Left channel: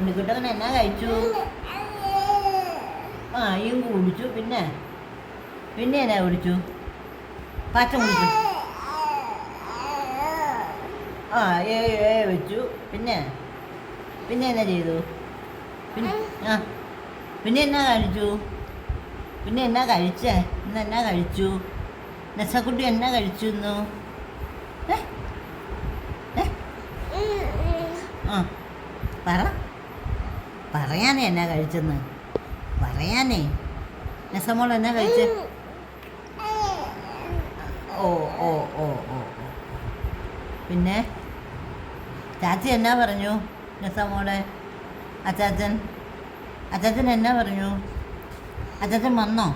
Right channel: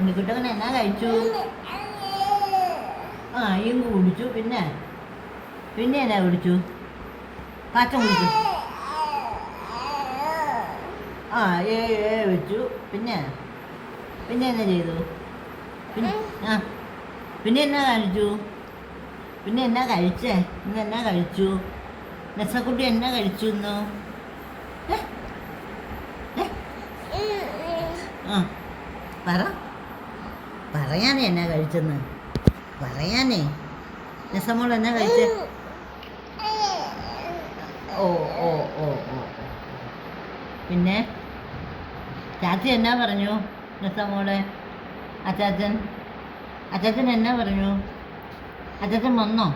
ഉണ്ണിക്കുട്ടൻ എന്നാ കഴിച്ചു? ആ ഇങ്ക് കുടിച്ചു. പിന്നെ പിന്നെ എന്നാ കുടിച്ചു? പാച്ച കുടിച്ചു. ആ വെച്ചു. പിന്നെ പിന്നെ എന്നാ ചെയ്തു? പിന്നെ ആ പിന്നെ എന്നാ കാണിച്ചു? പിന്നെ എന്നാ കഴിച്ചേ? ഇന്ന് എന്നാ കഴിച്ചു? നെസക്കുട്ടി എന്നാ കഴിച്ചു ഇന്ന്? ഏ ഏ ആ പറ പറയാനേ എന്നാ കഴിച്ചെന്ന് പറയാനേ. നെസമോൾ എന്നാ കഴിച്ചേ? ഓ ഓ ഓ ഓ ഓ. പിന്നെ ചാച്ചി എന്നാ പറഞ്ഞു നെസമോളെ? അച്ചാച്ചൻ എന്നാ പറഞ്ഞു? അച്ചാച്ചൻ വന്നോ?